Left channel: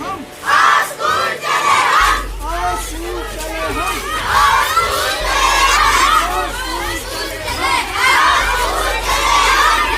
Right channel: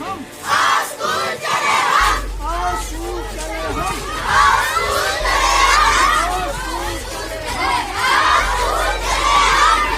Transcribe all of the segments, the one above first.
हम, आओ स्कूल चले हम, आओ स्कूल चले हम, आओ स्कूल चले आओ स्कूल चले हम, आओ स्कूल चले हम,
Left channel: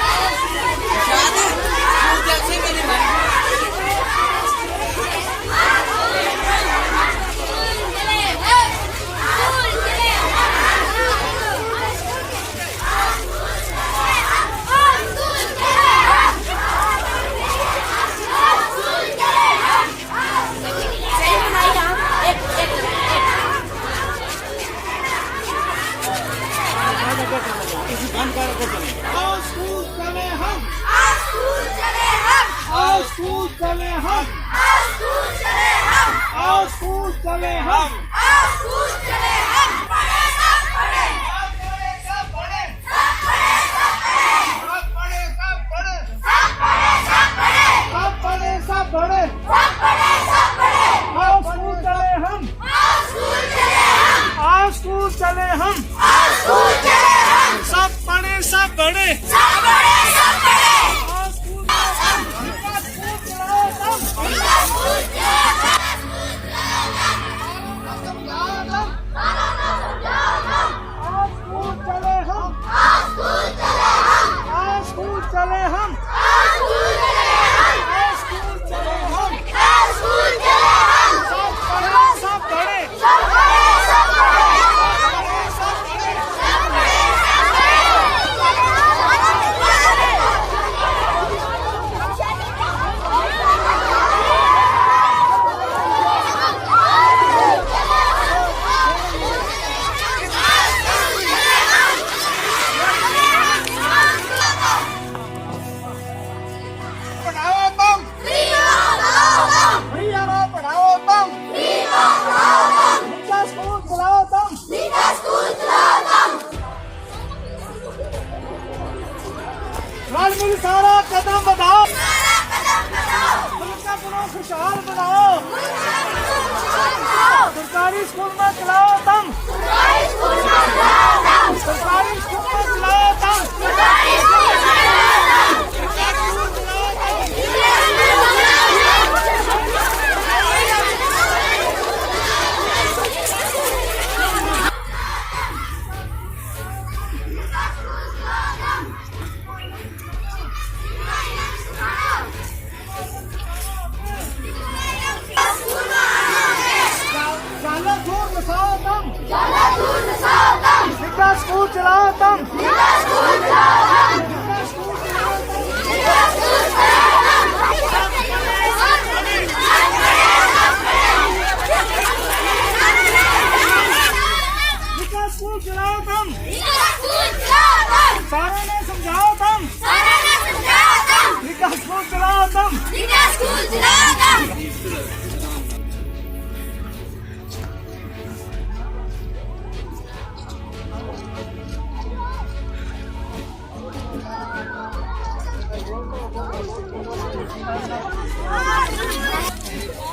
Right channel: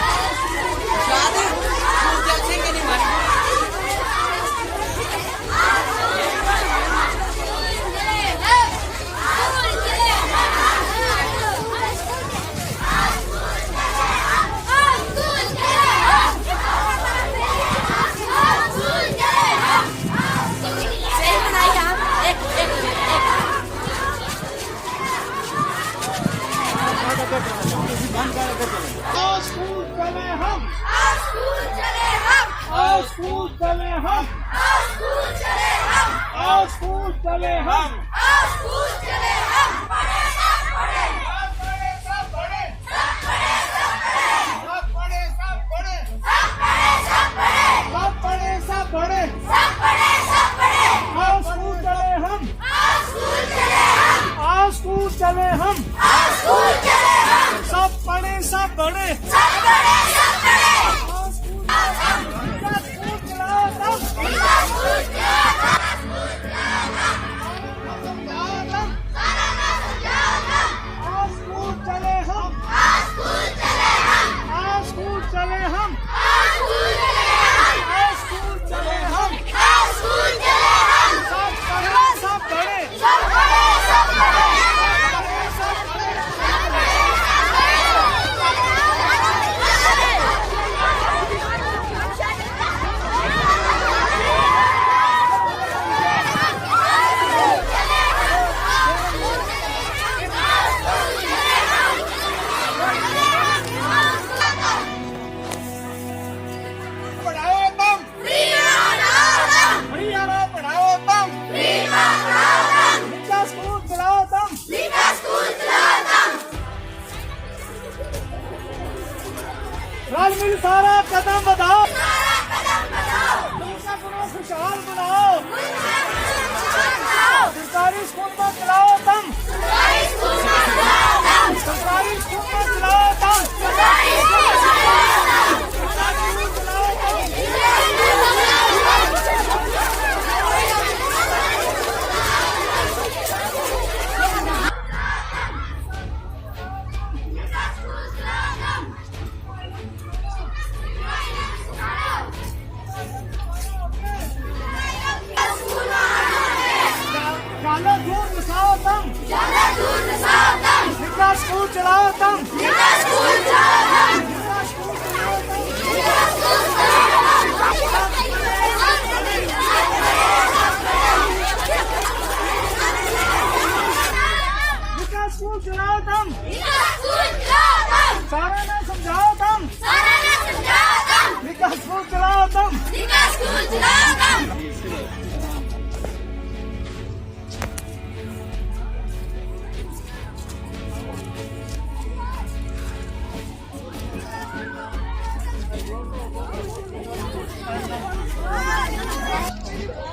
आओ स्कूल चले हम, आओ स्कूल चले हम, आओ स्कूल चले हम, आओ स्कूल चले हम, पढ़े सब पढ़े, सब पढ़े, सब पढ़े, सब पढ़े, सब पढ़े, सब पढ़े, सब पढ़े, सब पढ़े, सब पढ़े, सब पढ़े, सब पढ़े, आओ स्कूल चले हम, आओ स्कूल चले हम, आओ स्कूल चले हम, आओ स्कूल चले हम, सब पढ़े सब बड़े, सब बड़े, सब बड़े, आओ स्कूल चलाओ तम, स्कूल चलाओ तम, आओ स्कूल चले हम, आओ स्कूल चले हम, आओ स्कूल चले हम, आओ स्कूल चले हम, आओ स्कूल चले हम, सब बड़े, सब बड़े, सब बड़े, मिल सारा कदम बढ़ाओ, मुल्क को खुशहाल बनाओ, सरकारी स्कूल में चलाओ तम, सरकारी स्कूल में चलाओ तम, सरकारी स्कूल में चलाओ तम, सरकारी स्कूल में चलाओ तम, जाला दूर मिसाओ तम, जाला दूर मिसाओ तम, निका स्कूल चलाओ तम, निका स्कूल चलाओ तम, निका स्कूल चलाओ तम, निका स्कूल चलाओ तम, निका स्कूल चलाओ तम, सारा ने समझाओ तम, सारा ने समझाओ तम, निका स्कूल चलाओ तम, निका स्कूल चलाओ तम। Thank you.